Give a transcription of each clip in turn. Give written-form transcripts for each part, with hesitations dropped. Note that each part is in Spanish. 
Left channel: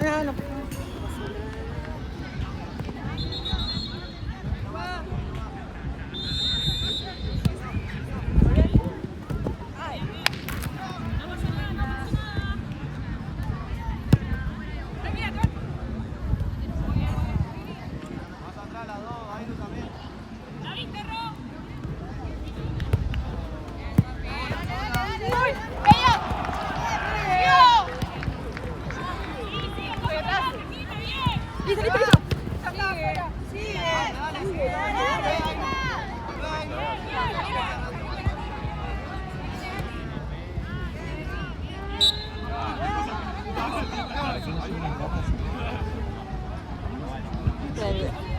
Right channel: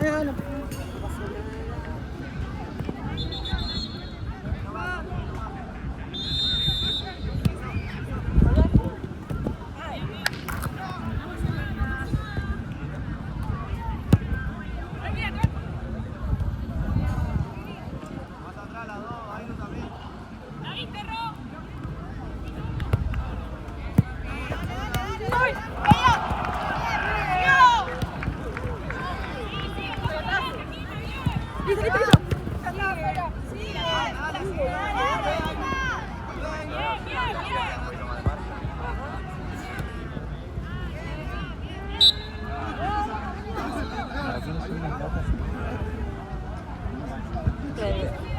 No.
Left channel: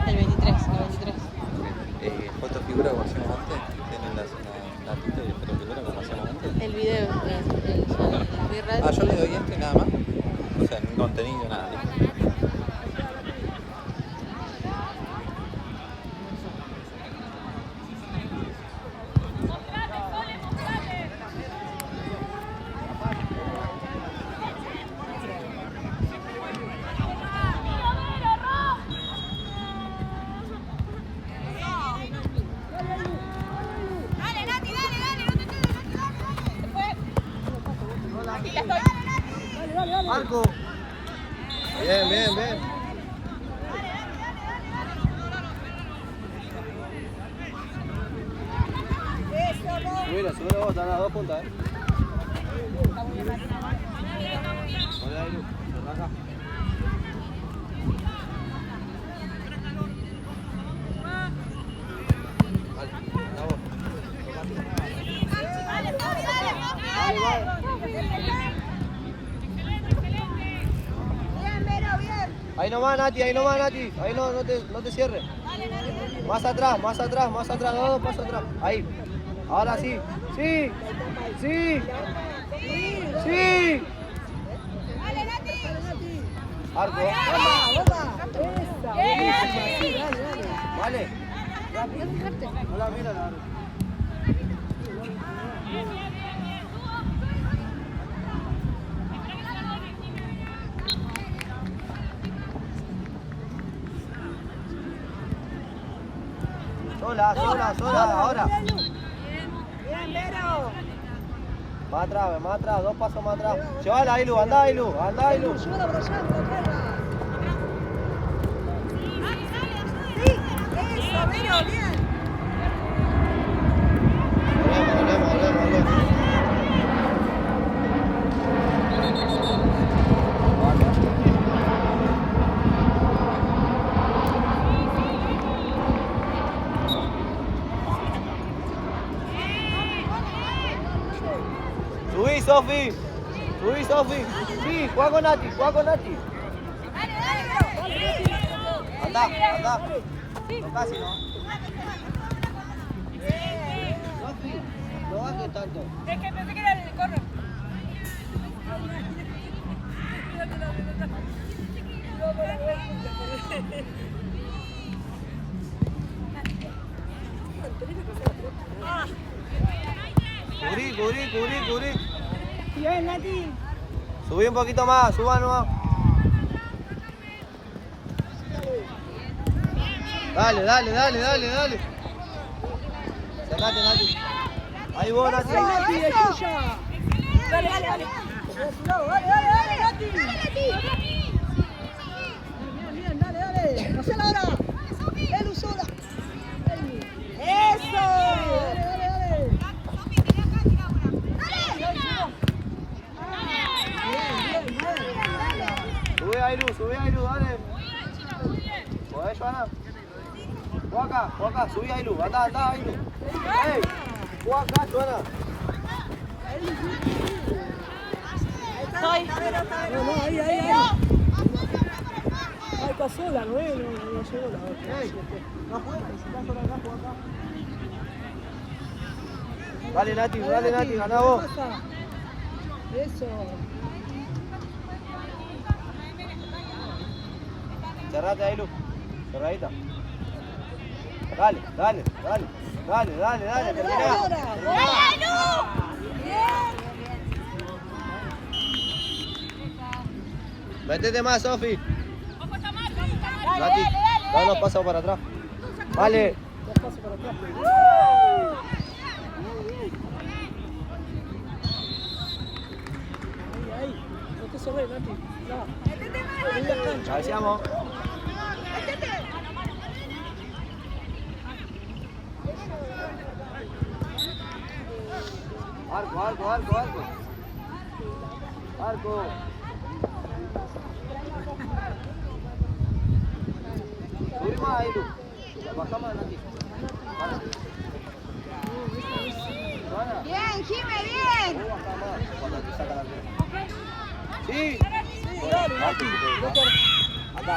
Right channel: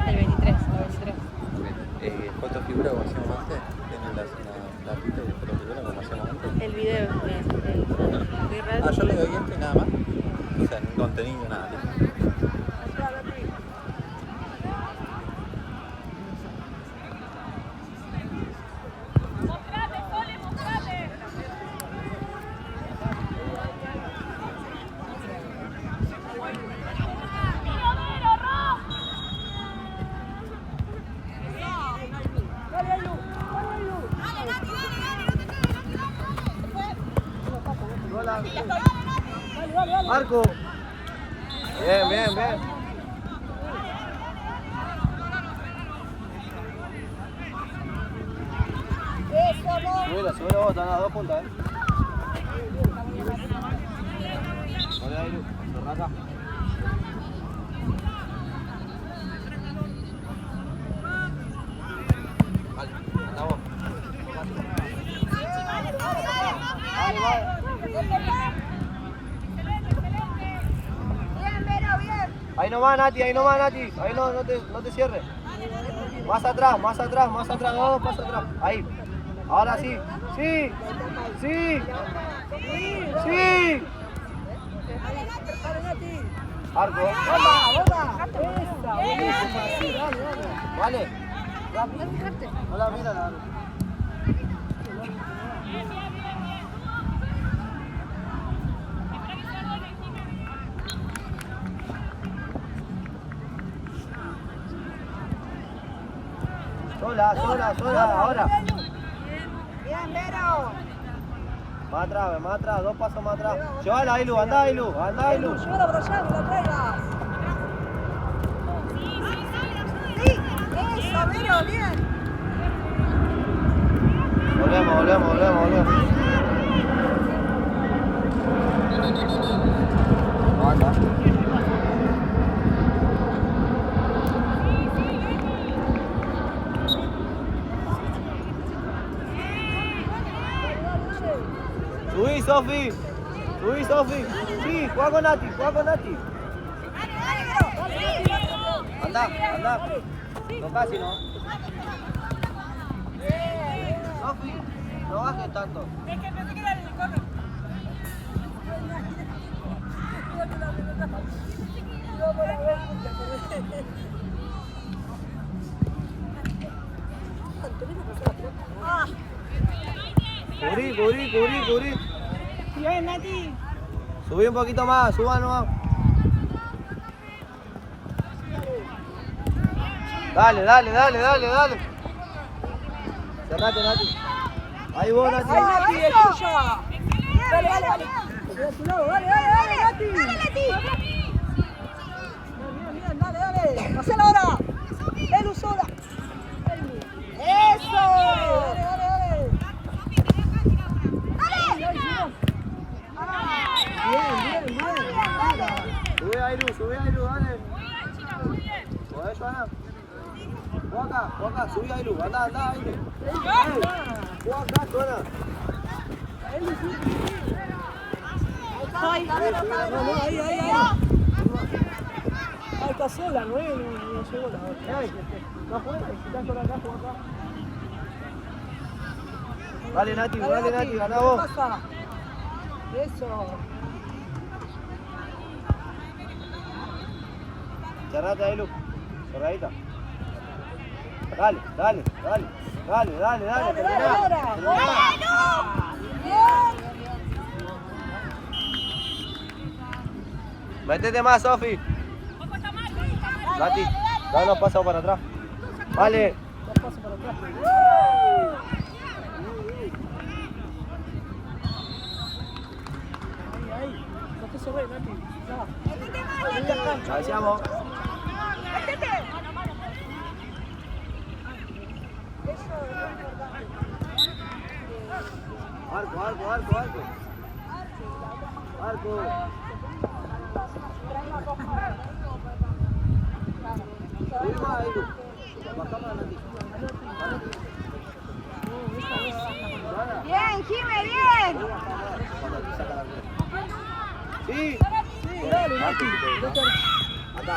El 23. Fotofigura básicamente tiene la pinta de fotofigura básicamente. El video, muy raro. Yo le doy esto y nada más. O sea, ningún contenido, nada. Marco. Bien. Subila vos, están las dos puntas, Hola, Iru, se raja. Vale, anda vos. Ahí nomás, Nati, ahí no te cierres. Más atrás, no, más atrás. Ahí. Ahora sí. Sí. Arco. Vale. No la mira la. Sola, ahora. Más atrás, 2 pasos más atrás. Llévala, Ailu, anda, Ailu. Eso, Vero, bien. Volvemos. Subí, Sofi. Sí, juega con Nati. Anda. No casi, ¿no? Sofi, no hagas tanto. Es que pensé que era el corner. Cubrí. Bien, Nati. Subí un poquito más, suba nomás. Dale. Cerrate, Nati. Ahí vos, Nati. Nati, es tuya. Dale. Dale, Nati. Bien, dale. Hacela ahora. Edu sola. Eso. Dale. Bien. Sube, Ailu, dale. ¿Podés, Joana? Juega acá, subí, Ailu. Anda, Ailu. Ey, juega acá, Joana. Ahí. Ay, casi la 9 no llegó la 9. Ey, no juegues, si estás por acá, juega acá. Dale, Nati, ganá vos. Eso. Cerrate, Ailu. Cerradita. Dale, terminá. Métete más, Sofi. Nati, da unos pasos para atrás. Vale. No te sobres, Nati. Cabeceamos. Arco, arco, arco, arco. Arco. Subir más ahí, Lu. La bajamos a Nati. Bien, Jime, bien. Sí. Nati. Acá.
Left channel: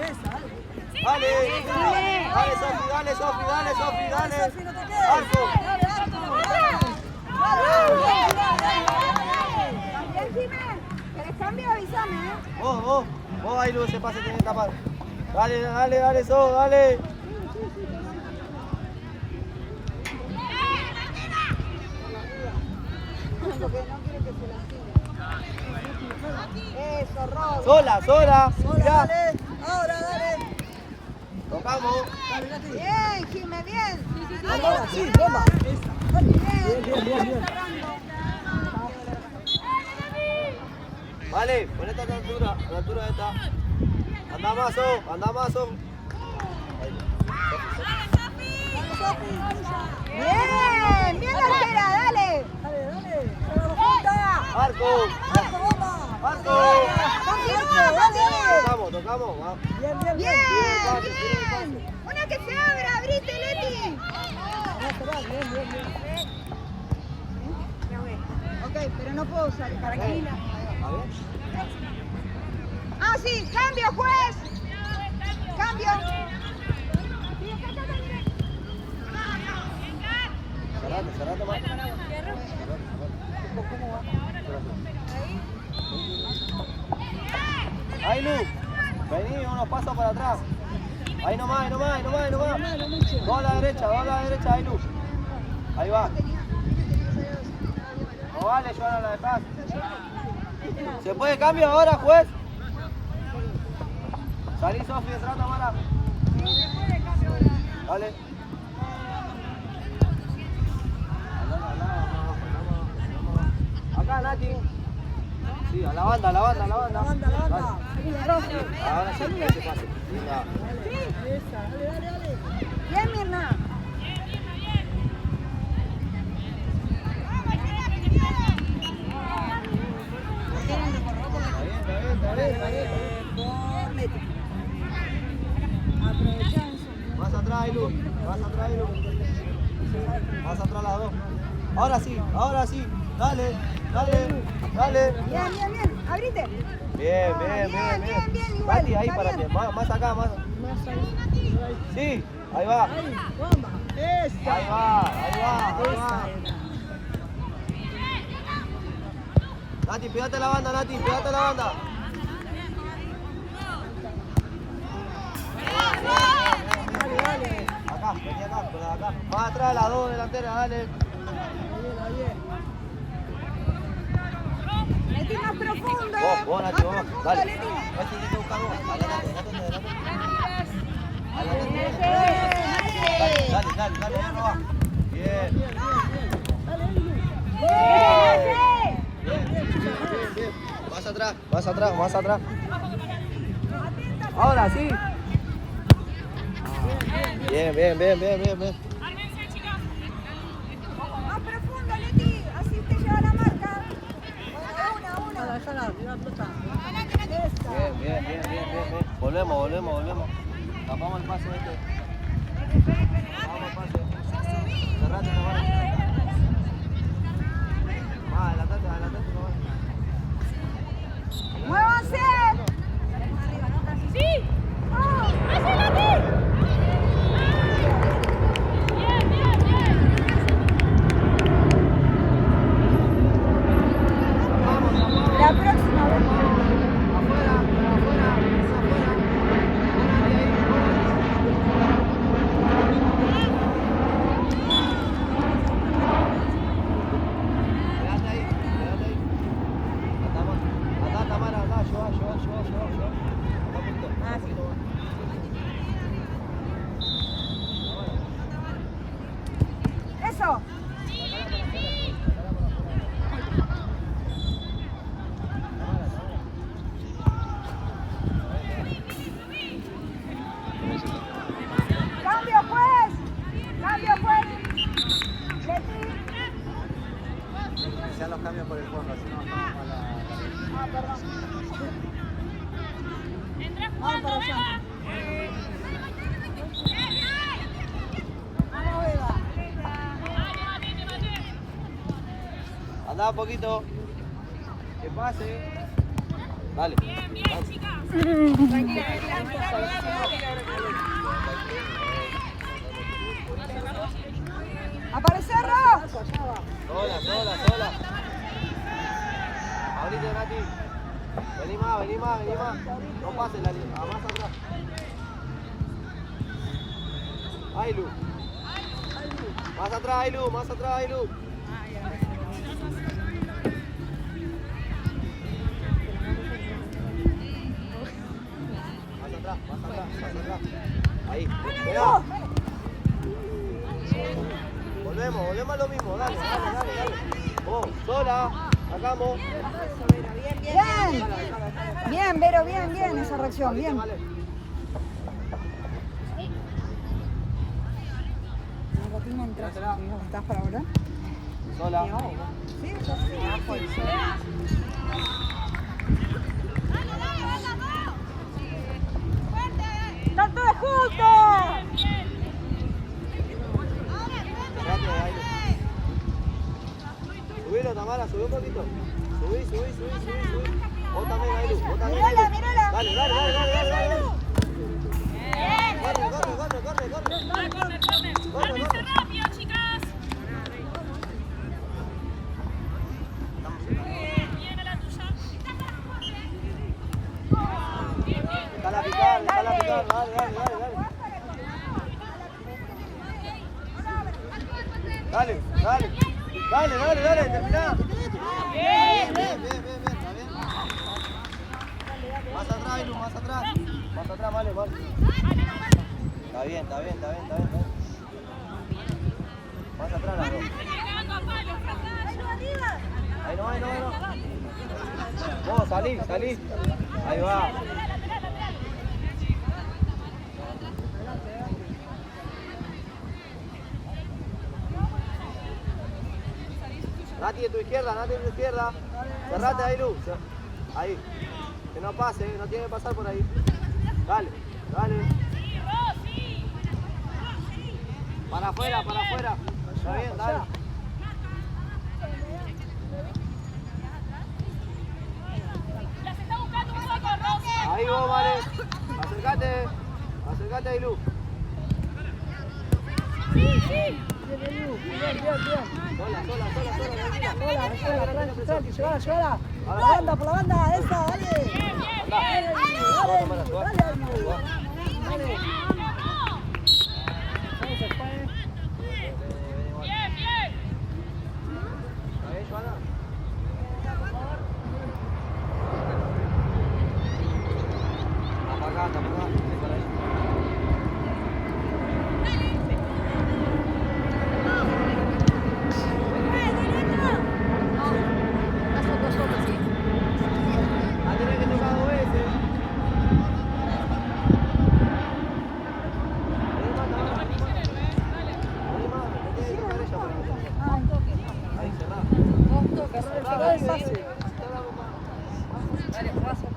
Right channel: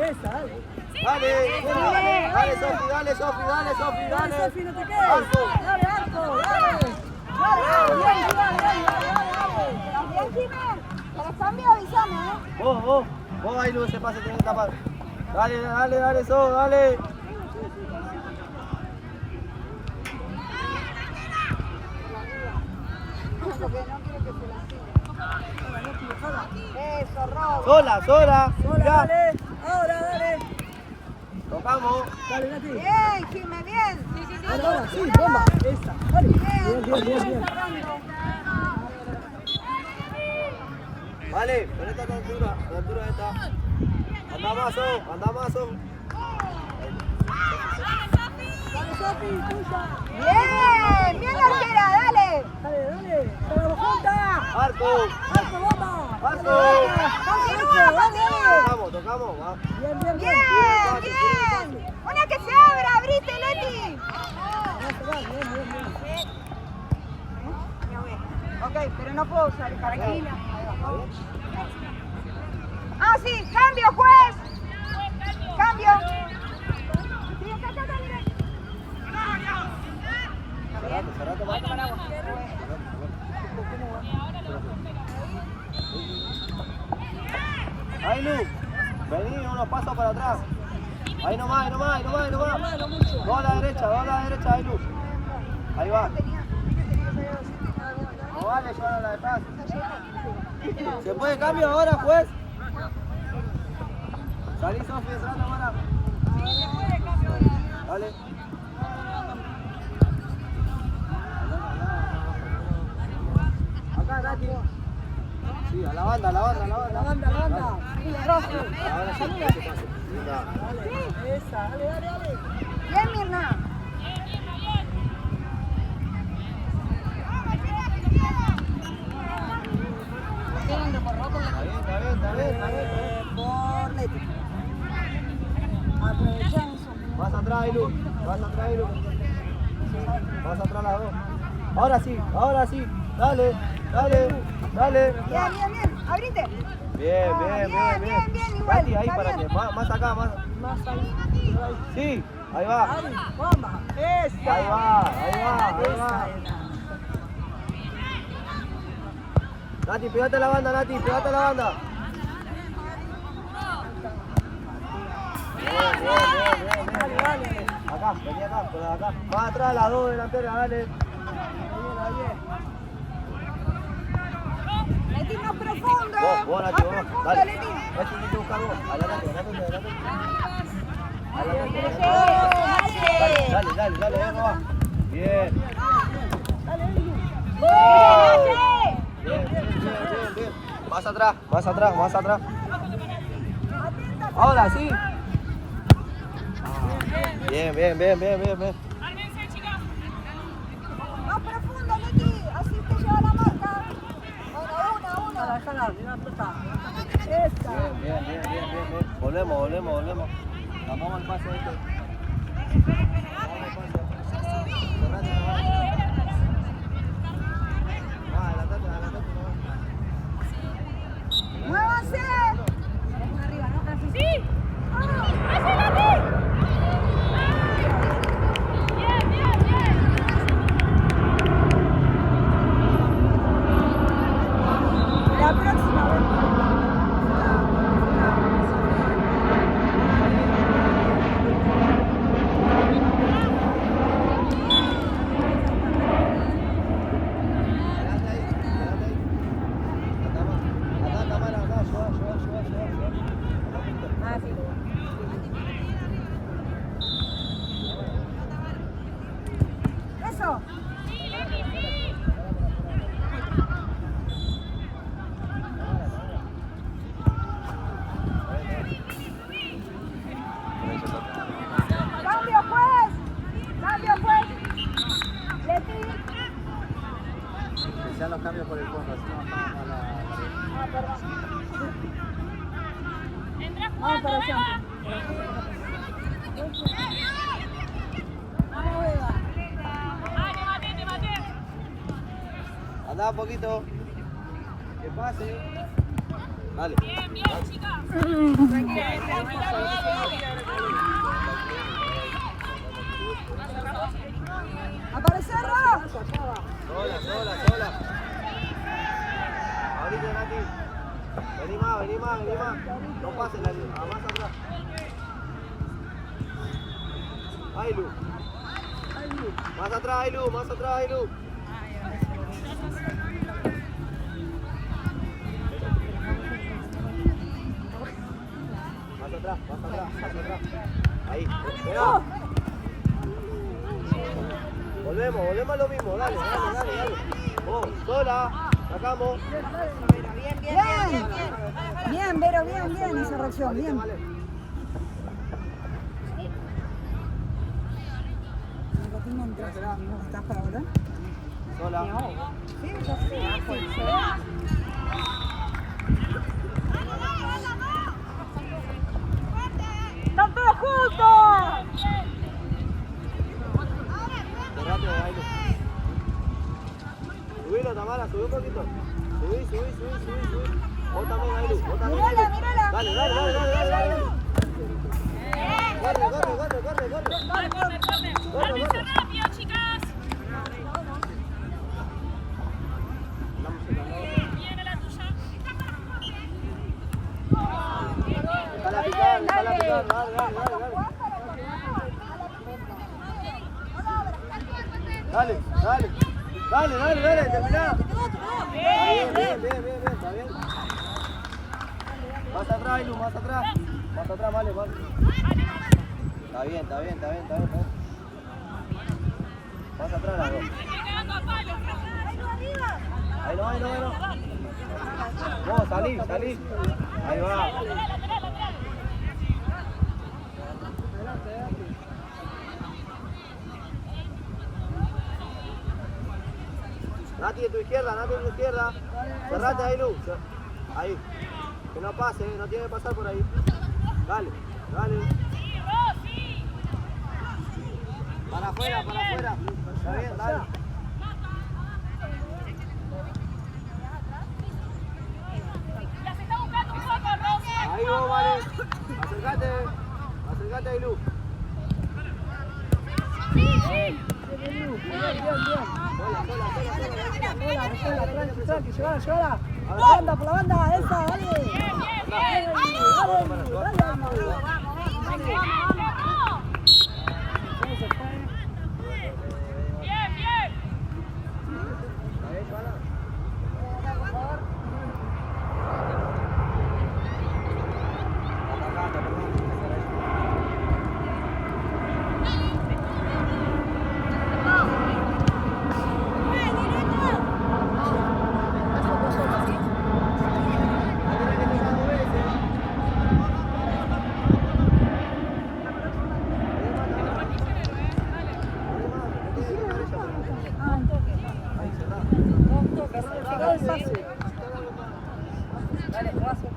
Esa, Dale, dale, Sofi, dale, Sofi, dale, Sofi, dale. Sofi, no te quedes. Arco. Dale, Arco, dale. Dale, bien, Jime. ¿Querés cambio? Avísame, Vos ahí, Lu, ese pase tiene que tapar. Dale, dale, dale, So, dale. Eso, Rob. Sola, sola. Mirá. Dale, ahora, dale. Tocamos. dale, Nati. Bien, Jime, bien. Ahora, sí, bomba. Esa. Dale. Bien, bien, bien, bien. Vale, ponete a la altura de esta. Anda más, So, anda más, So. Ahí. Dale, Sofi, tuya. Bien, bien, arquera, dale. Dale, dale. Con la punta. Arco. Arco, bomba. Arco. Dale. Dale. Tocamos, va. Bien, bien, Bien, bien. bien. Una que se abra, abrite, Leti. Bien, bien, bien, bien. Ok, pero no puedo salir, tranquila. Ah, sí, cambio, juez. Cambio. Cerrate, va. Ahí, Lu. Vení unos pasos para atrás. Ahí nomás, ahí nomás, ahí nomás, ahí nomás. Vamos a la derecha, ahí, Lu. Ahí va. No vale, yo ahora la dejás. ¿Se puede cambio ahora, juez? Salí, Sofi, detrás de ahora. Dale. Acá, Nati. Sí, a la banda, a la banda, a la banda. Banda, banda. Dale. Ahora sí, mira qué pasa. Mira. Sí. Bien, Mirna. Está bien. Por Leti. Aprovechamos. Más atrás, Ilu. Más atrás, Ilu. Más atrás las dos. Ahora sí. Dale, dale, dale. Bien, bien, bien. Abrite. Bien. Igual. Nati, ahí Está para bien. que. Más acá, más. Más ahí. Sí, ahí va. Ahí, bomba. Esa. Ahí va. Nati, pégate a la banda, Nati, pégate a la banda. Bien. Acá, vení acá. Más atrás las dos delanteras, dale. Leti más profundo. Vos, Nati, vamos. Profundo, Dale. Leti. Este tiene que buscar vos. Adelante. Dale, vamos, va. Bien. Bien. Más atrás. Ahora sí. Bien. Más profundo, Leti. Así te lleva la marca. Una. Déjala, Bien. Volvemos. Tapamos el pase este. Cerrate, Tamara. Adelantate, Tamara. ¡Muévanse! ¡Sí! La próxima vez. Vamos para allá. Anda un poquito. Que pase. Dale. ¡Aparecerla! Sola. Ahorita, Nati. Vení más. No pases la línea. Más atrás. Ailu. Más atrás, Ailu. Más atrás. Ahí. Espera. Volvemos a lo mismo. Dale. Vos, sola. Sacamos. Bien, Vero, bien esa reacción, bien. Vale. ¿Estás para hablar? Sola. Sí, yo sí. ¡Están todos juntos! Subilo, Tamara, subí un poquito. Subí. Vos también, Ailu. Mírala. Dale. Corre. ¡Ármense rápido, chicas! Viene la tuya. Dale, picar. Dale, terminá. Bien, está bien. Más atrás, Ailu, más atrás, vale. Está bien. Más atrás, la voy. ¡Estoy cagando a palos! Ahí no. No, salí. Ahí va. Nati de tu izquierda. Cerrate, Ailu. Ahí. Que no pase, no tiene que pasar por ahí. Dale. Para afuera. Está bien, dale. Ahí vos, vale. Acércate, Ailu. Sola. Por la banda, esa, dale. ¿Está bien, Joana? Tapa acá. Para eso. Dale, jugazo.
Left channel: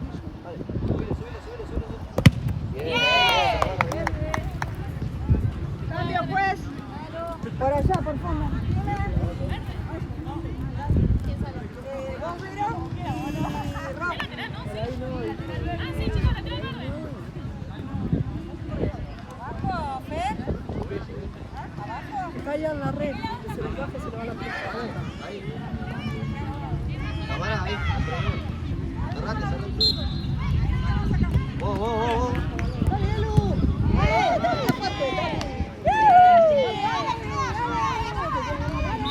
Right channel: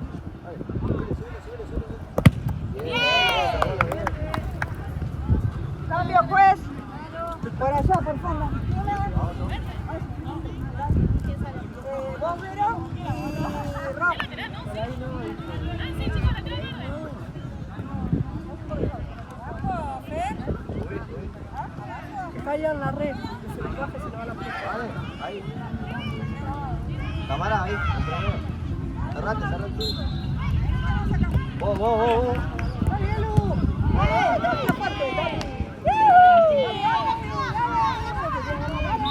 Cambio pues. Por allá, por fondo. Vos, Vero, y Rob. ¿Lateral, no? Sí. Ah, sí, chicos, lateral verde. Abajo, Fer. Abajo. Cayó en la red. Vale, ahí. Tamara, ahí, entre amigos. Cerrate. Vos.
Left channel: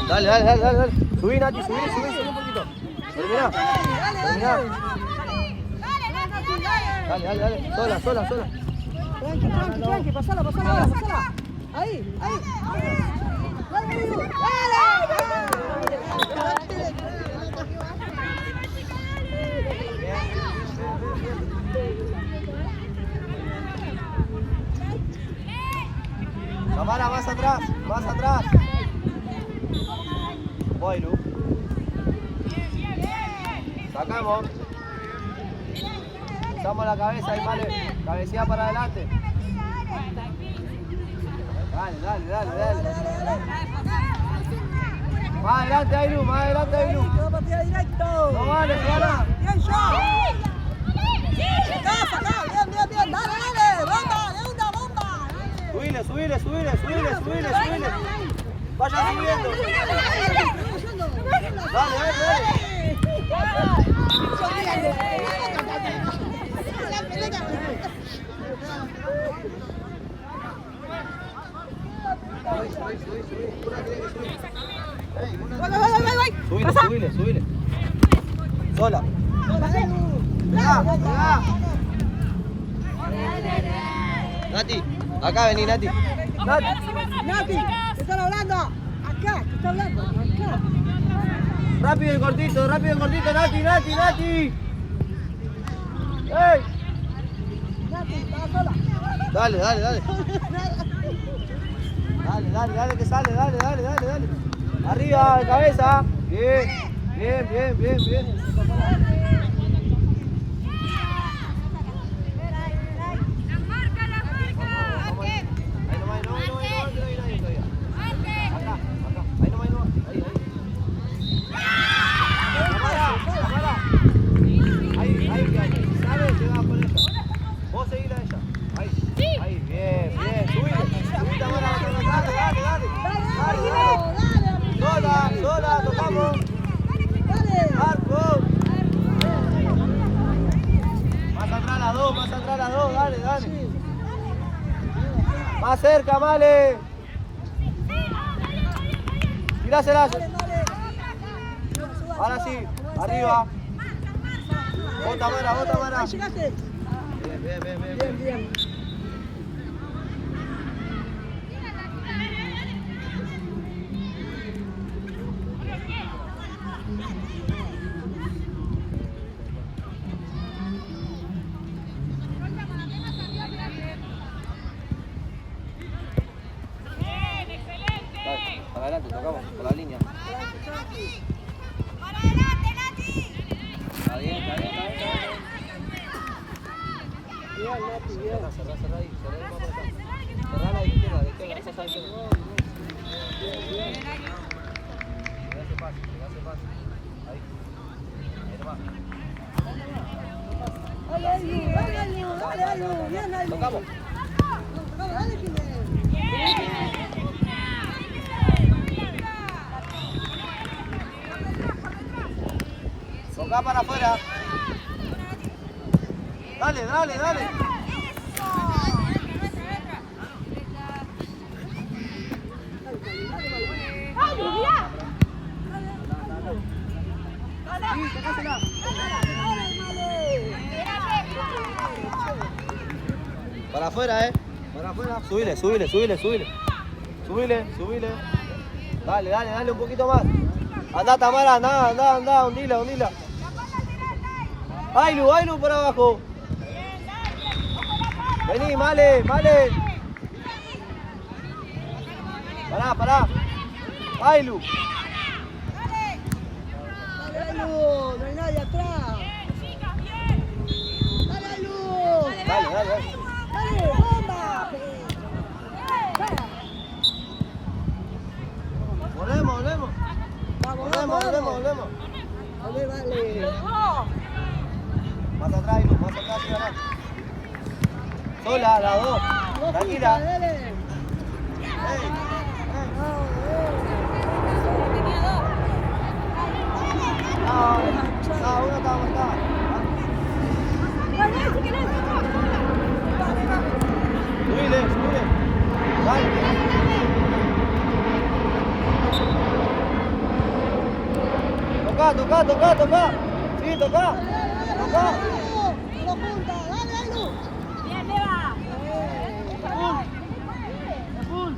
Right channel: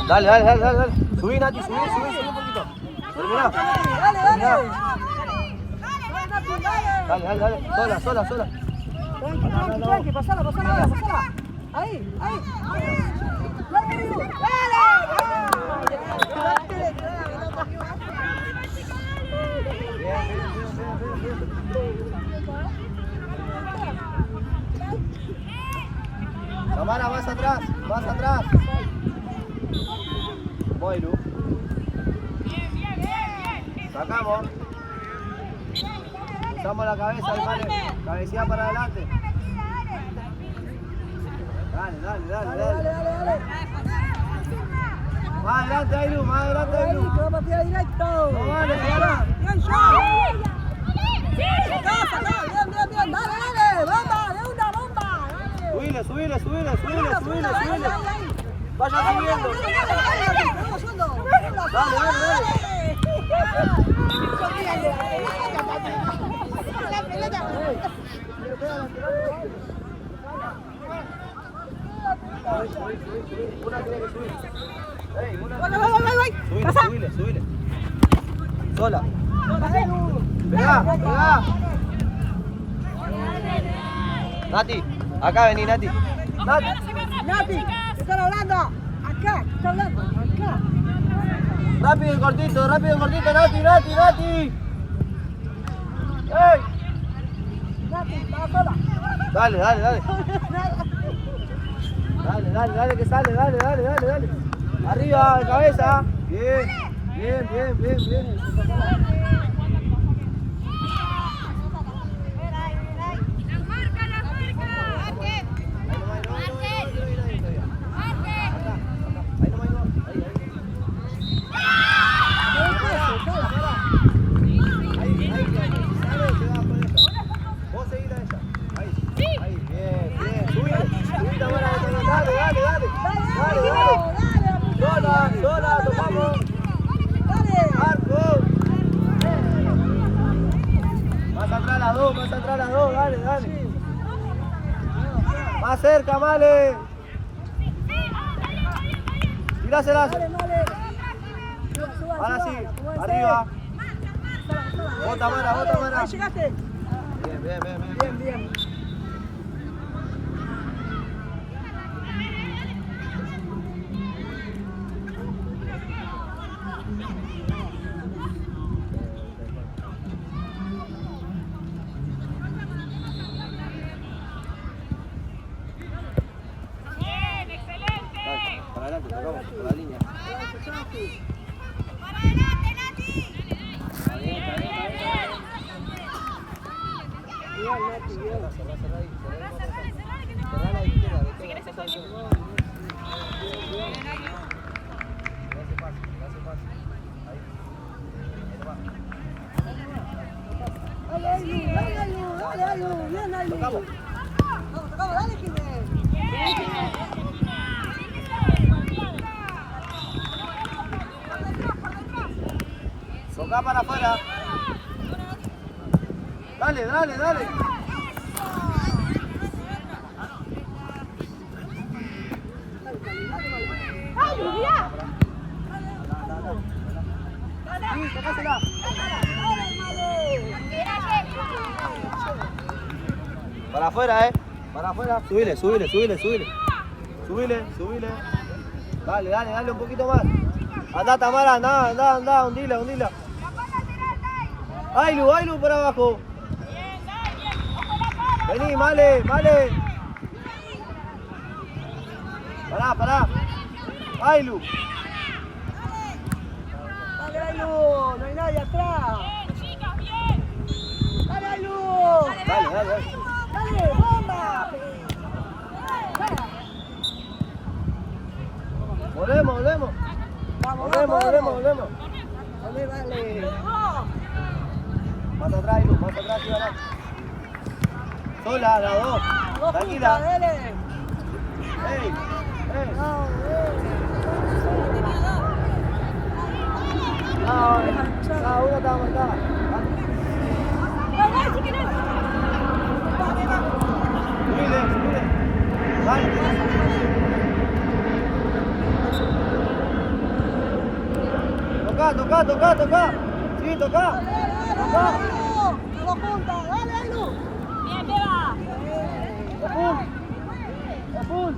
Dale. Subí, Nati, subí un poquito. Terminá. Dale. Sola. Tranqui, pasala. Ahí. Tamara, más atrás. Voy, Lu. Sacamos. Usamos la cabeza y vale. Cabecilla para adelante. Dale. Más adelante, Ailu, más adelante, Ailu. No vale, Clara. Subile. Vaya subiendo. Subí. Una tiene que subir. Subile. Sola. Pegá. Nati, acá vení, Nati. Rápido y cortito, Nati. ¡Ey! Dale. Dale, que sale, dale. Arriba, de cabeza. Bien. Más atrás las dos, dale. Más cerca, Male. Tiráselas. Ahora sí, arriba. Bota, Mara. Bien. Para adelante, tocamos, por la línea. ¡Para adelante, Nati! Está bien. Cerrá ahí. Cerrá la izquierda, de izquierda. Le hace pase. Ahí nomás. Tocamos. Toca para afuera. Dale. ¡Ay, Julia! Sí, tocásela. Para afuera, para afuera. Subile. Dale un poquito más. Anda, Tamara, anda, hundila. Ailu por abajo. Vení, Male. Pará. Ailu. Dale. Volvemos. Más atrás, sí, atrás. Sola, las dos. Tranquila. Uno está aguantado. Subile. Toca. Sí, toca. Bien, Bea. Full.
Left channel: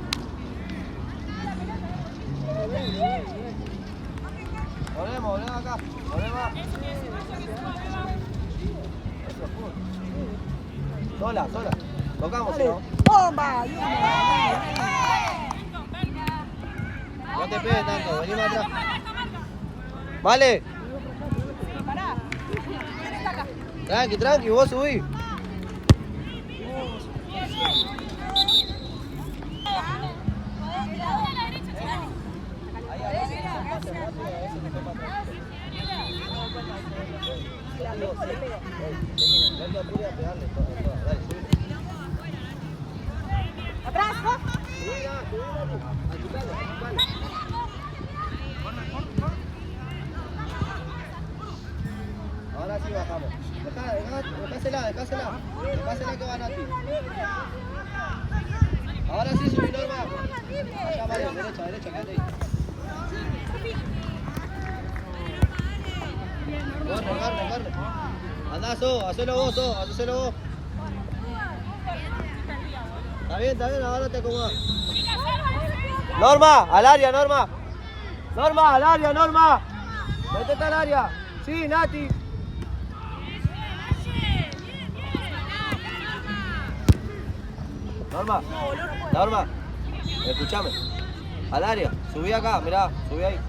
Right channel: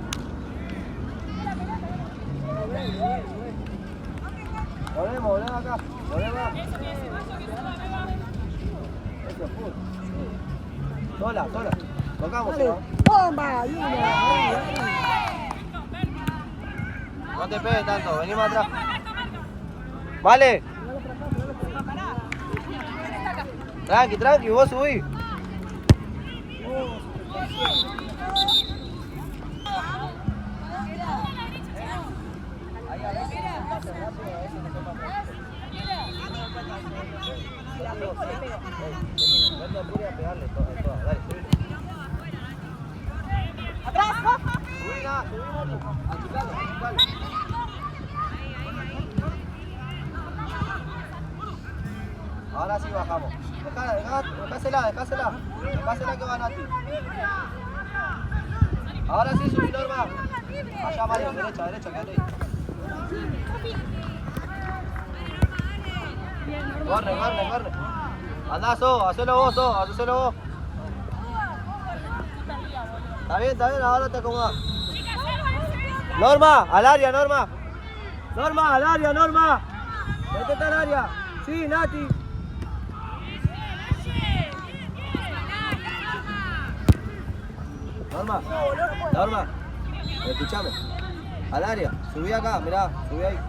Volvemos acá. Eso que suba, Beba. Eso es full. Sola. Tocamos, ¿no? Toma, ayuda. No te pegues tanto, vení más atrás. Vale. Tranqui, tranqui, vos subí. Ahora sí bajamos. Dejásela que va Nati. Ahora sí subí, Norma. Acá vale, derecha, que ahí. Corre. Andá, hacelo vos. Está bien, ahora te acomodas. Norma, al área, Norma. Métete al área. Sí, Nati. Norma, escúchame. Al área, subí acá, mirá, subí ahí.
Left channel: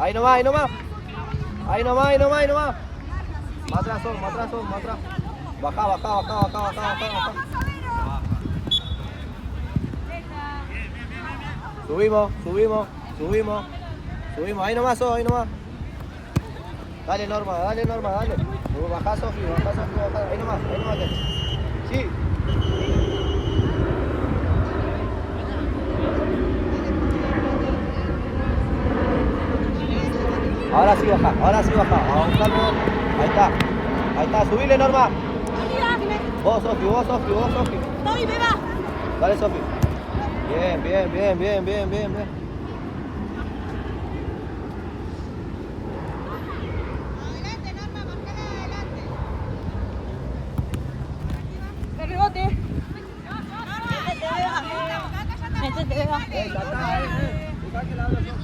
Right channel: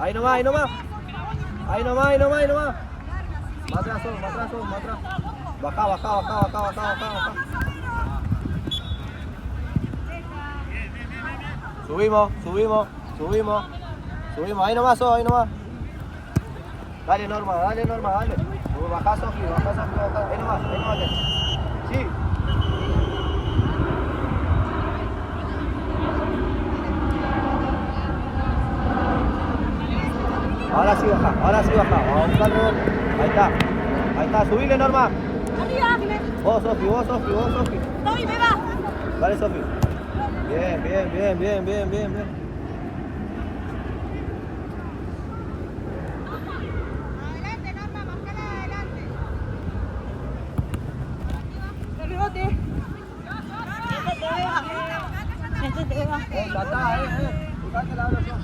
Ahí nomás. Más atrás. Baja. Subimos. Ahí nomás. Dale, Norma. Bajá, Sofi. Ahí nomás. Sí. Ahora sí baja. Ahí está. Subile, Norma. Vos, Sofi. Dale, Sofi. Bien. Fijate la oración.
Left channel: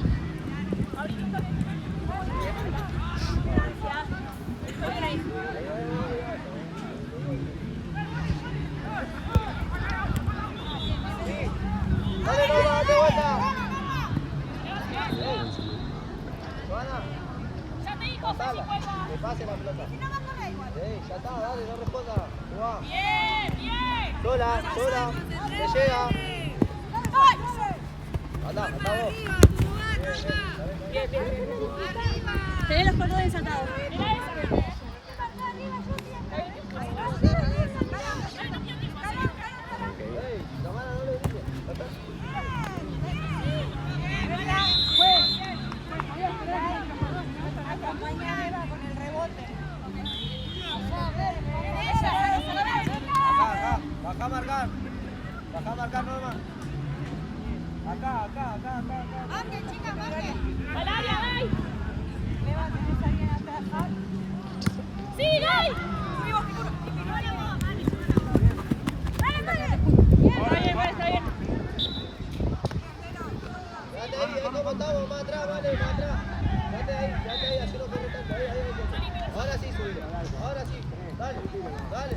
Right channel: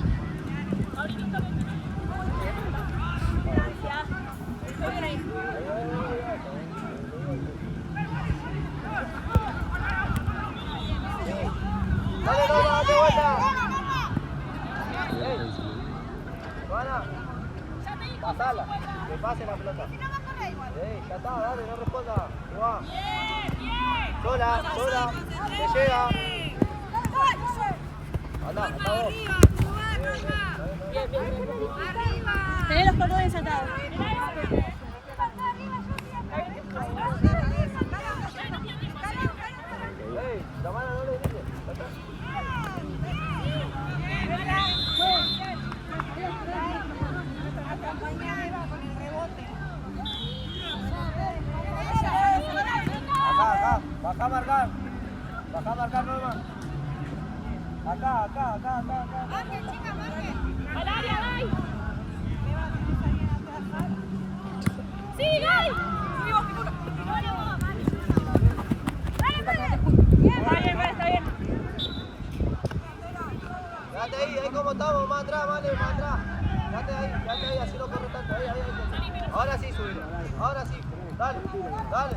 Tenés los cordones atados. Acá. Baja a marcar, Norma. Acá. Marquen, chicas, marquen. ¡Sí, Ley! ¡Subimos, seguro! ¿Cómo contamos? Más atrás, vale, más atrás. Date ahí, así no corre tanto. Ahí. Ahora sí subí. Dale.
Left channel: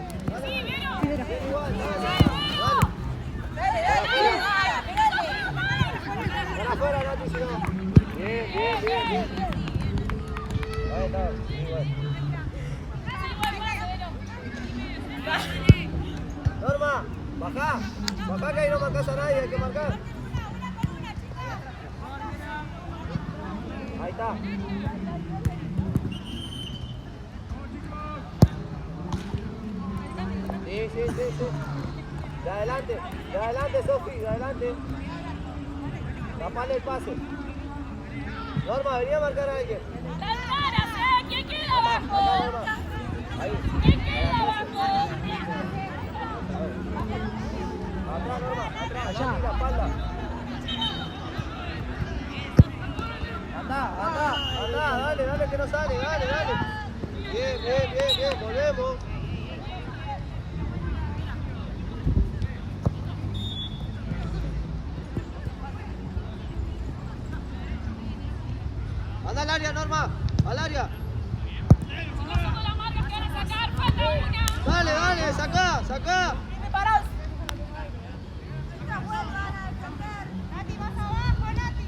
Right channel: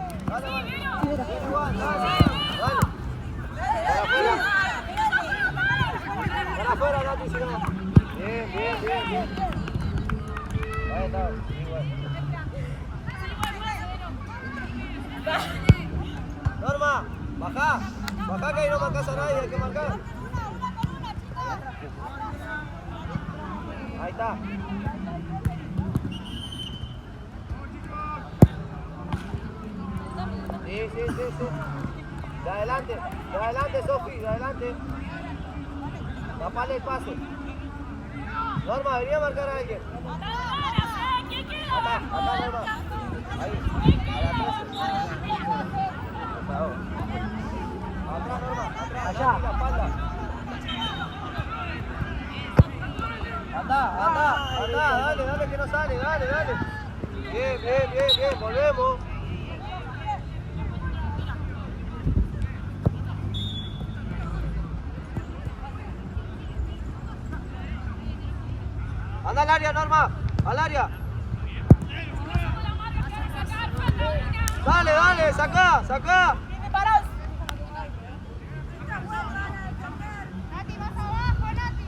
Igual, dale. Afuera, Nati, si no. Bien. Norma, baja que ahí no marcas a nadie, hay que marcar. Ahí está. Sí. De adelante, Sofi, de adelante. Tapale el paso. Norma, venía a marcar a alguien. ¿Quién queda abajo? ¿Quién queda abajo? Allá. Andá, dale, que no sale, dale. Bien, volvemos. Anda al área, Norma, al área. Dale, sacá. Chicas, vuelvan a defender. Nati, más abajo, Nati.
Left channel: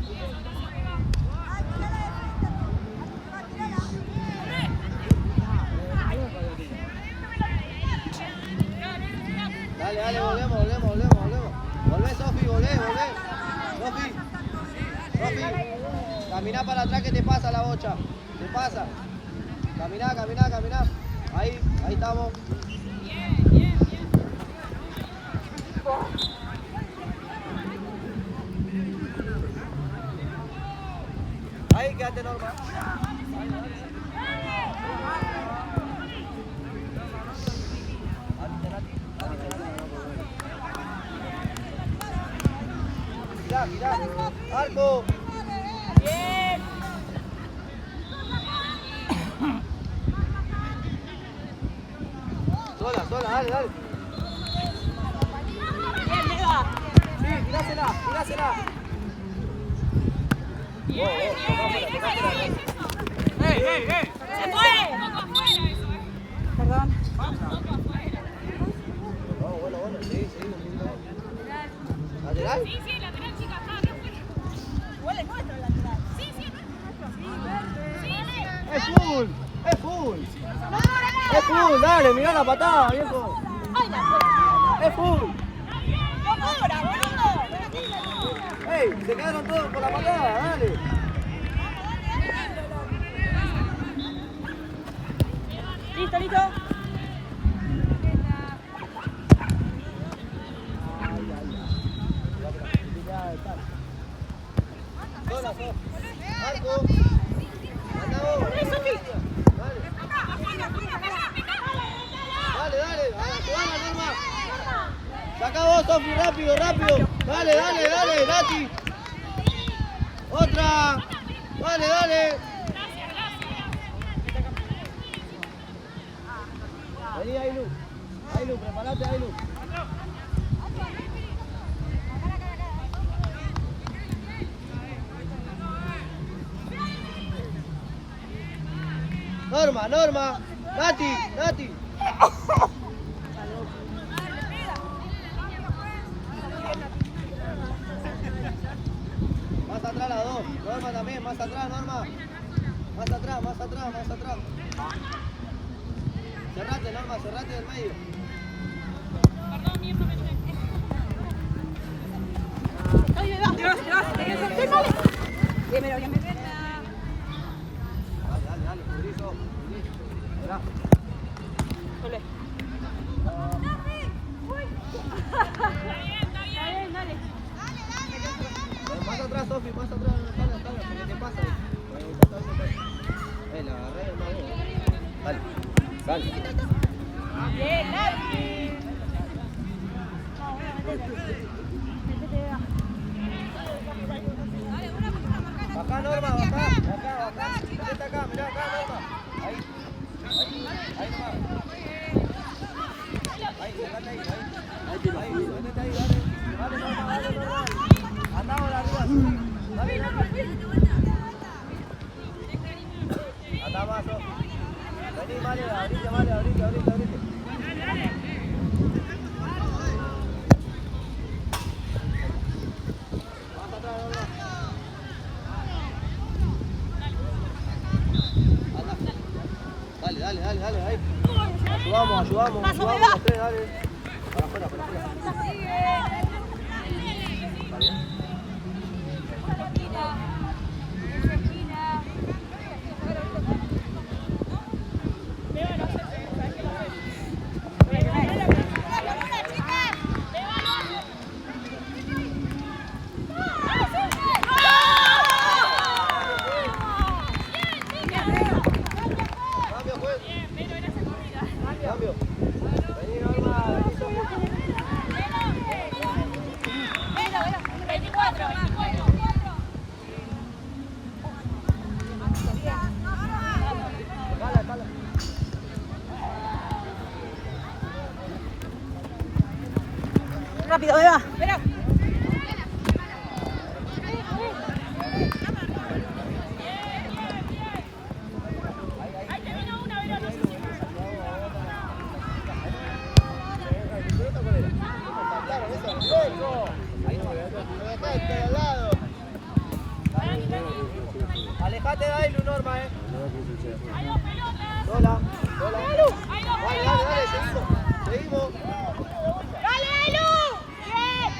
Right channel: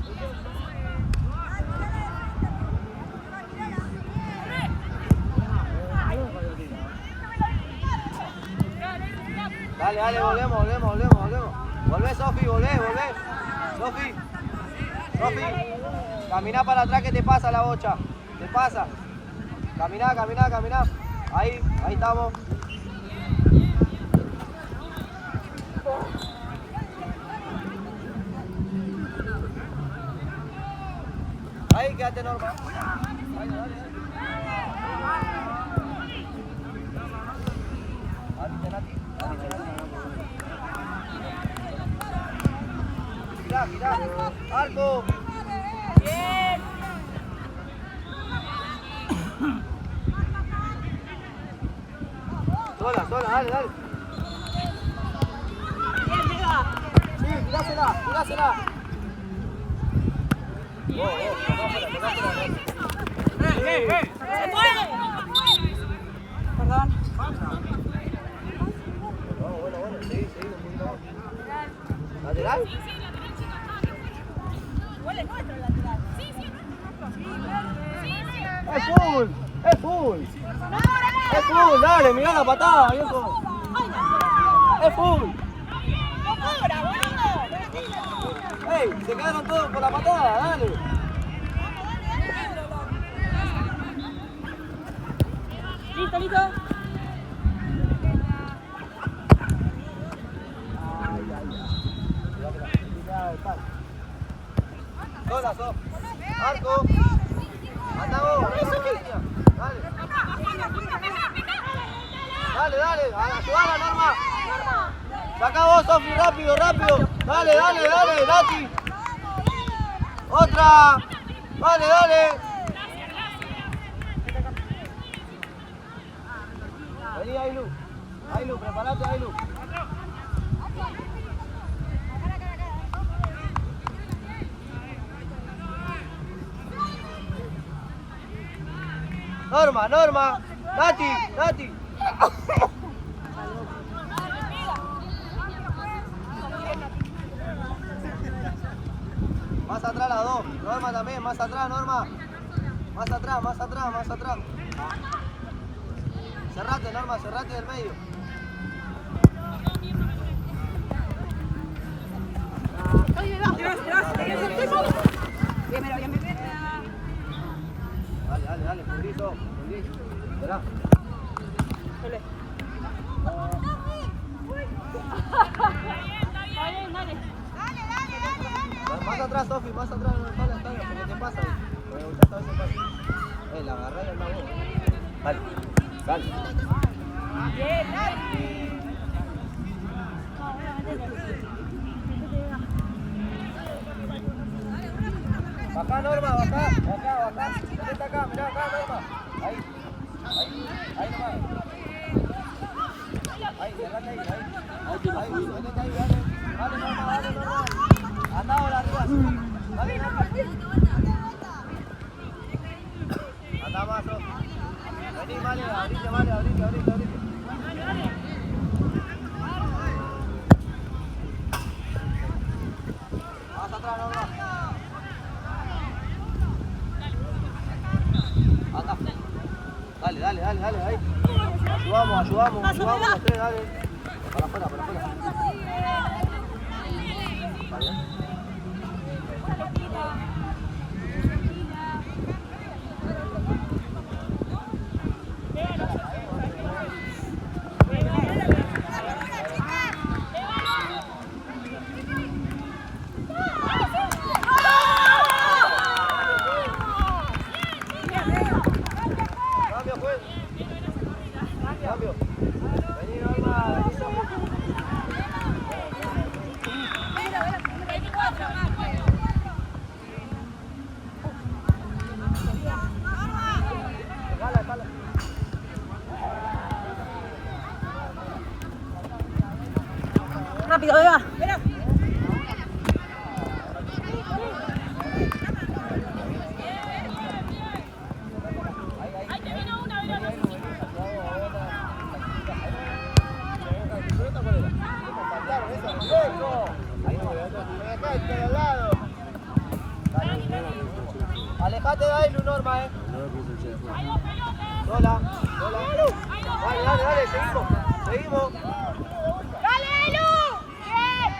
Ay, mirala de frente a tu rival. Camina para atrás que te pasa la bocha. Te pasa. Camina, camina, camina. Ahí estamos. Ahí, quédate, Norma. Dale, dale, dale. Ahorita, Nati. Ahorita, Nati. Mirá, mirá. Marco. Bien. Sola, sola, dale, dale. Bien, Vega. Sí, mirásela, mirásela. Bien, bien. ¡Se fue! Perdón. ¿Lateral? Sí, sí, lateral, chicas. Igual es nuestro el lateral. Sí, sí, es nuestro. ¡Es full! ¡Es full! ¡No cobra nada! ¡Es full! ¡Dale, mirá la patada, viejo! ¡Es full! ¡No cobra, boludo! ¡Ey! Se quedaron todos por la patada, dale. Listo, listo. Sola, Sof. Marco. Andamos. ¡Corre, Sofi! Dale, dale. Ayudala, Norma. Saca vos, Sofi, rápido, rápido. Dale, dale, dale, Nati. Otra. Dale, dale. Vení, Ailu. Ailu, preparate, Ailu. Norma, Norma. Nati, Nati. Más atrás las dos. Norma también, más atrás, Norma. Más atrás, más atrás, más atrás. Cerrate, Norma, cerrate del medio. Dale, dale, dale, Pedrito. Esperá. Más atrás, Sofi, más atrás, dale, dale, porque te pasa ahí. Porque esta vez se pasa. La agarrá y anda vos. Dale, dale. Bien, Nati. Bajá, Norma, bajá, bajá, bajá. Vete acá, mirá acá, Norma. Ahí, ahí nomás. Ahí, cerrate ahí, ahí, métete ahí, dale. Dale, Norma. Andá ahora, Norma. Dale, Norma, andá más, Norma. Vení, Male, abrite, Male, abrite, abrite, abrite. Más atrás, Norma. Dale, dale, dale, dale, ahí. Ayudamos, ayudamos. Más o menos. Ayudamos, dale. Para afuera, para afuera. ¿Va bien? Cambio. Vení, Norma. 24 más. Rápido, Eva. Ahí, ahí, ahí. Vení, ahí, lo venís. Ayudado a otra. Ahí no. Alejate de Ailu, Norma, Sola. Dale, dale, dale, seguimos. Seguimos. ¡Dale, Ailu! ¡Bien!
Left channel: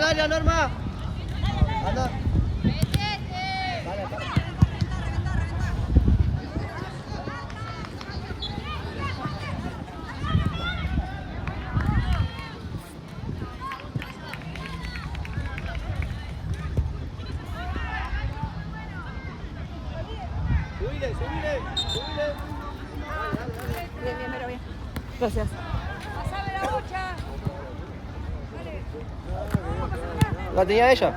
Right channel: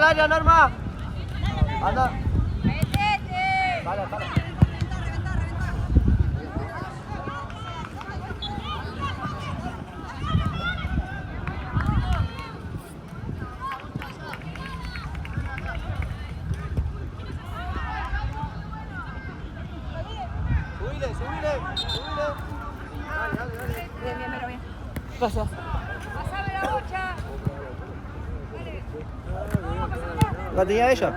al área, Norma. Anda. Bien, bien, pero bien. Gracias. ¿La tenía ella?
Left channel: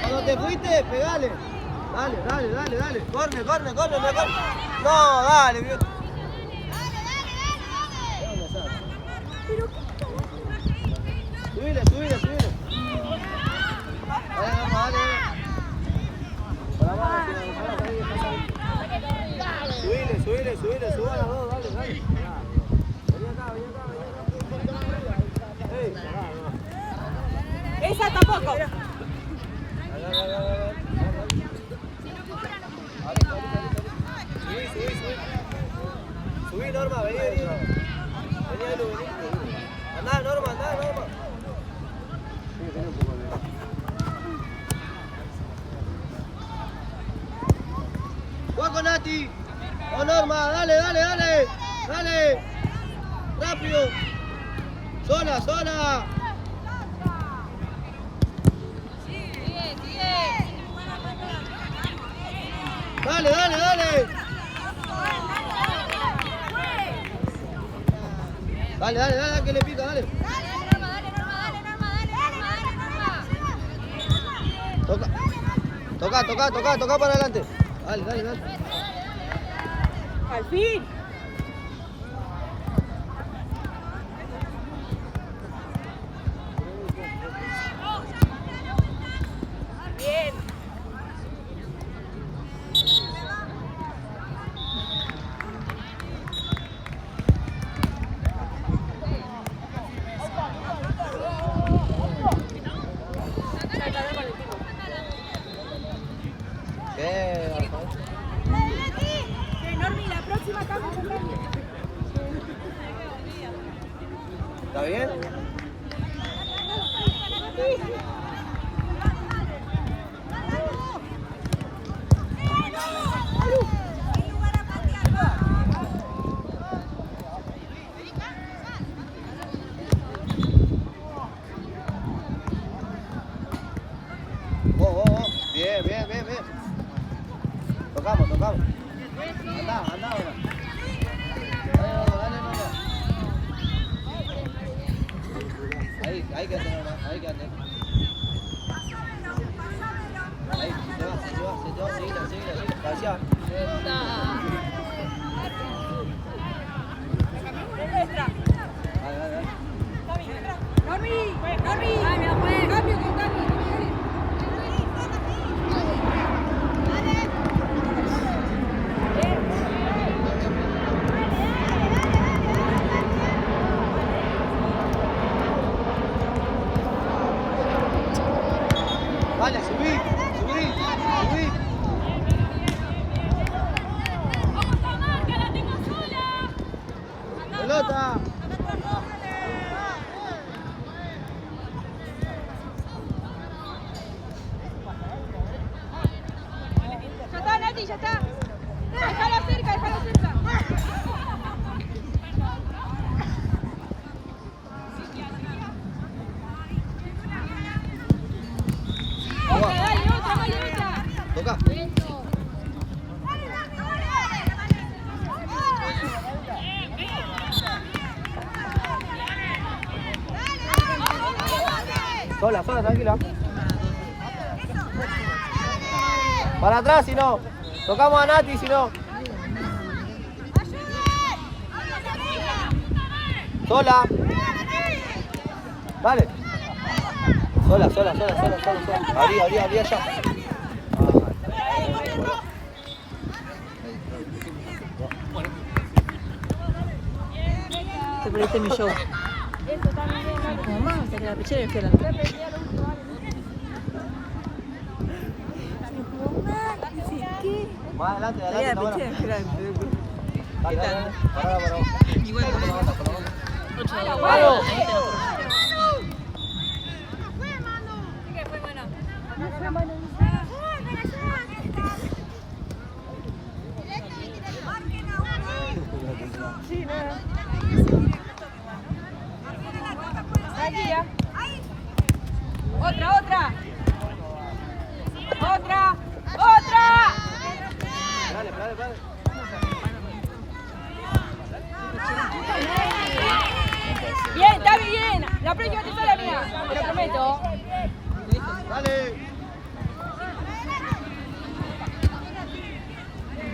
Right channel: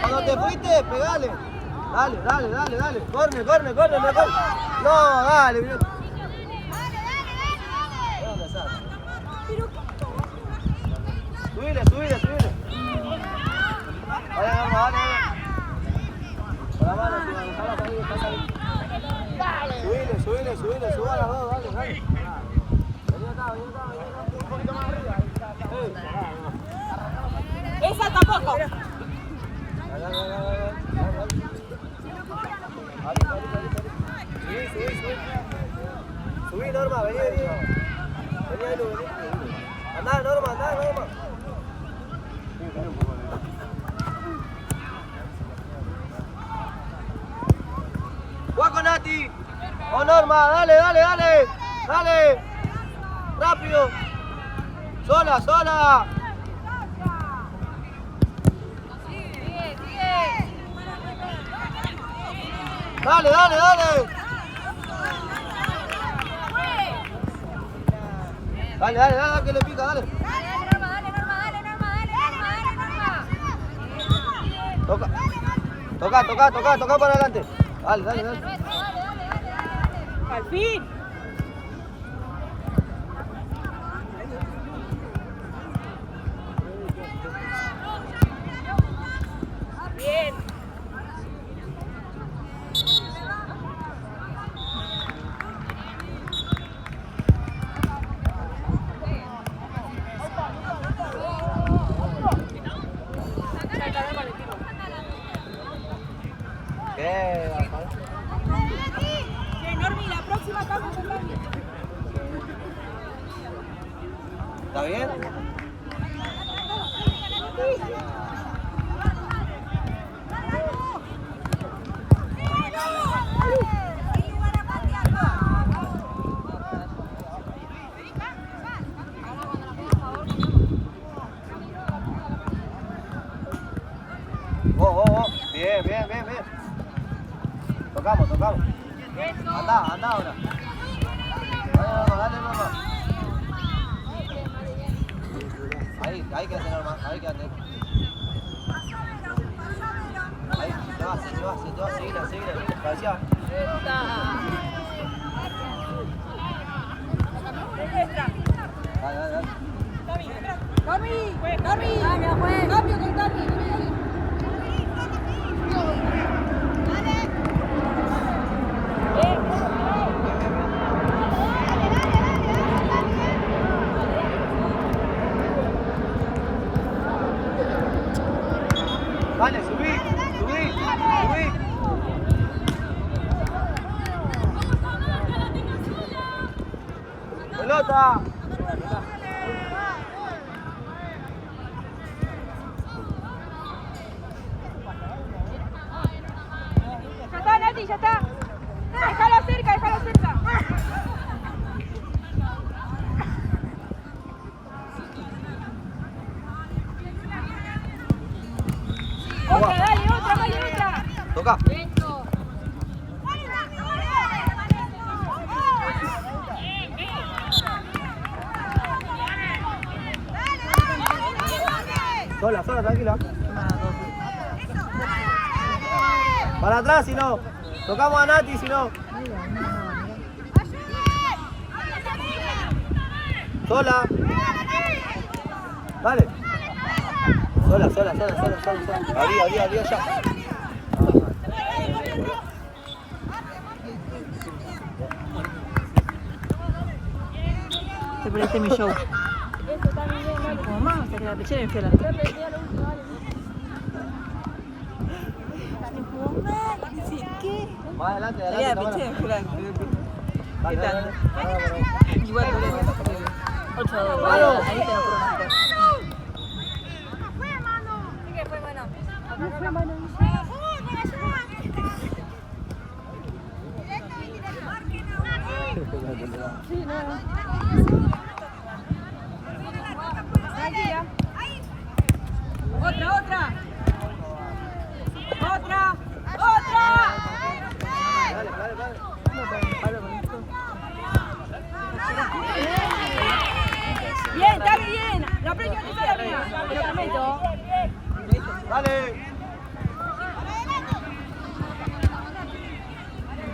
Cuando te fuiste, pegale. Dale. Corre. No, dale, bro. Subile. Dale. Subile, suban las dos, dale. Vení acá. Ey. Esa tampoco. Dale. Subí, Norma, vení. Vení, Ailu. Andá, Norma. Juega con Nati. Oh, Norma, dale. Rápido. Sola. Dale. Dale, que le pica, dale. Toca para adelante. Dale. Al fin. Bien. Normi, la próxima cambio de cambio. ¿Está bien? Hay lugar a patear, vamos. Oh. Bien. Tocamos. Anda ahora. Dale nomás. Ahí que hacer nomás. Gracias. Dale. Normi, cambio con Tami. Vale, subí. Pelota. Ya está, Nati, ya está. Déjalo cerca. Toca. Sola, tranquila. Para atrás, si no. Tocamos a Nati, si no. Sola. Vale. Sola. Abrí allá. Pero este me show. La pechera es fiel. Más adelante, La adelante. pechera es fiel. Pará. Igual no le 8 a 2. ¿Qué fue, mano? Sí, Tranquila. Otra. Dale. Bien, está bien. La próxima te sale mía. Te lo prometo. Dale.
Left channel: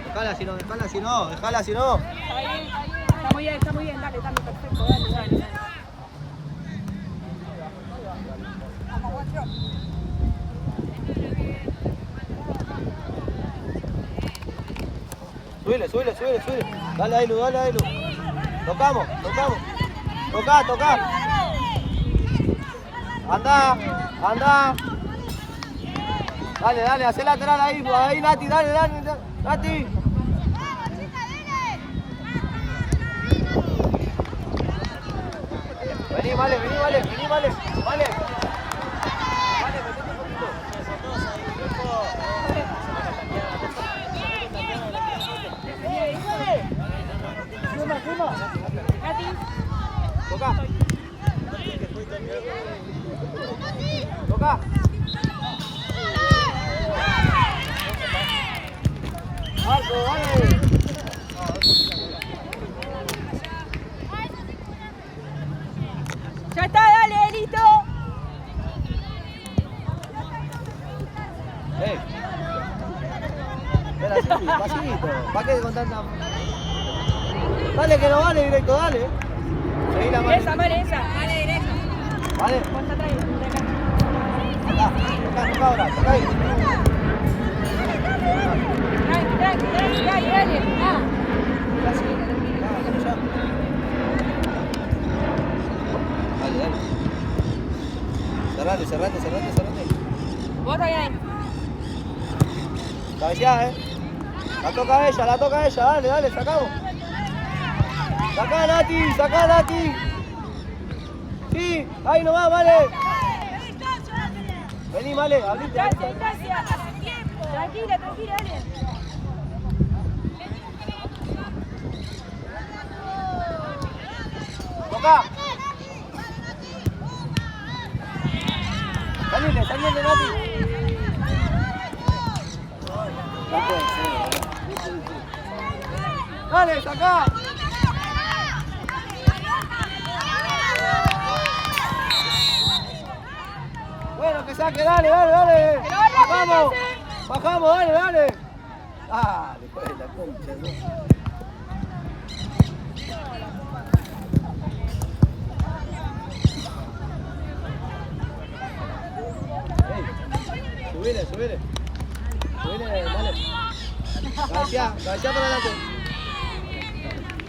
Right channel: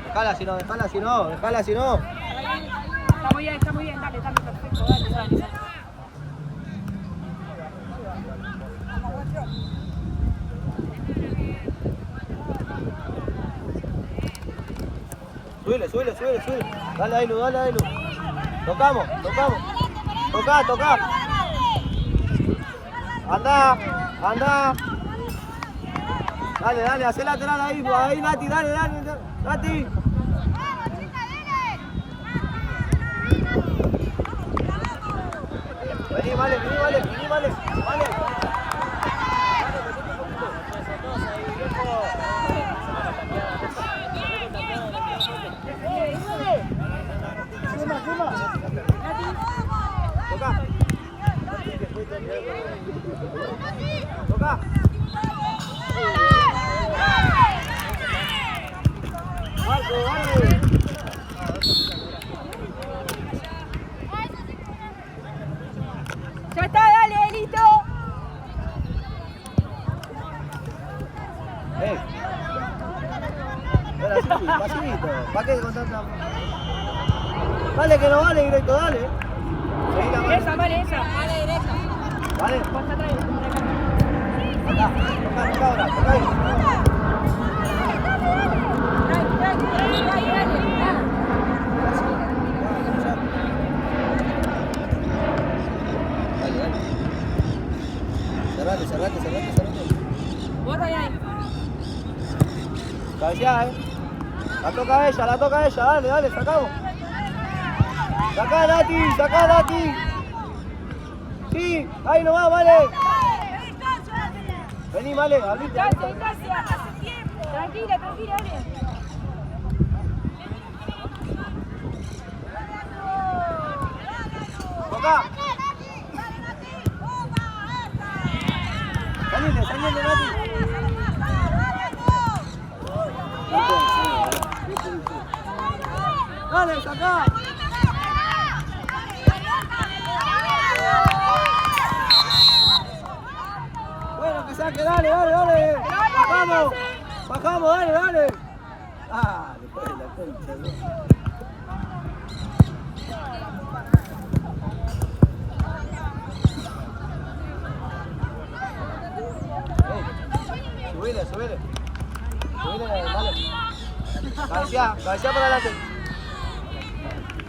Dejala si no. Está muy bien. Dale, perfecto. Dale. Subile. Dale, Ailu. Tocamos. Toca. Anda. Dale, hacé lateral ahí, Lati, dale. Lati. Vení, vale. Vale, metete un poquito. Toca. Marco, vale. Ya está, dale, listo. Espera, sí, pasito. ¿Para qué con tanta? Dale que no vale directo, dale. Seguí la mano. Vale esa. Vale derecha. Vale. Dale. Cerrate. Vos ahí. Cabeceá, La toca ella, dale, sacamos. Sacá, Nati. Sí, ahí nomás, vale. Vení, vale, abrite. Tranquila, dale. Toca. Salite, Nati. Dale, sacá. Bueno, que saque, dale. Bajamos, dale. Ah, después de la concha, ¿no? Subile. Cabecea para adelante.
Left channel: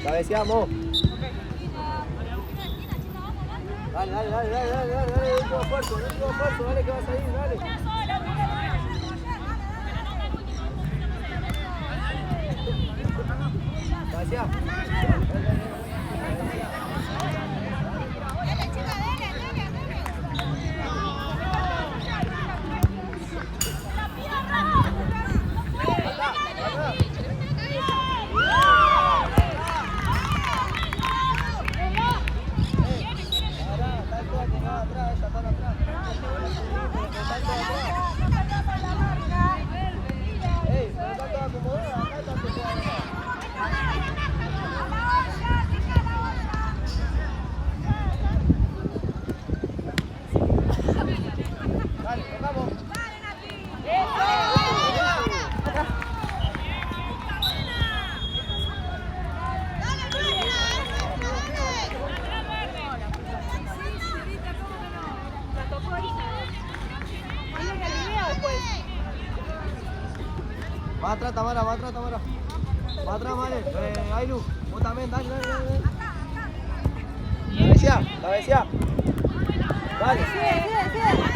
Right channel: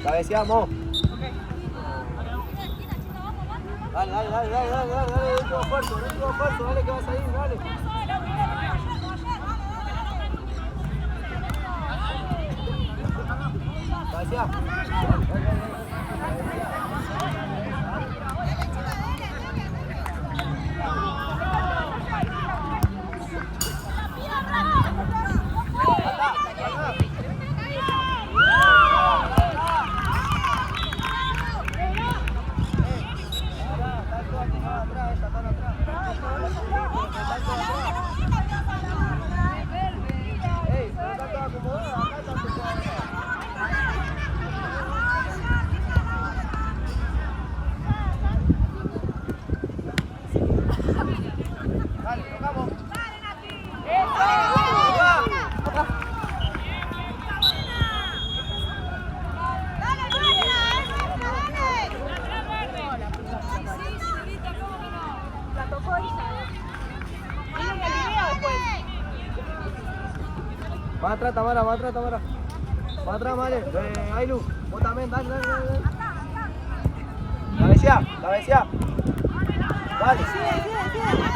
Cabeceamos. Dale. Un poco fuerte, dale que vas a ir, dale. Cabecea. Va atrás, Tamara, va atrás, Tamara. Va atrás, Mare. Ailu, vos también, dale, dale, dale. Acá, acá, La besía, la besía. Dale. sigue, sigue, sigue.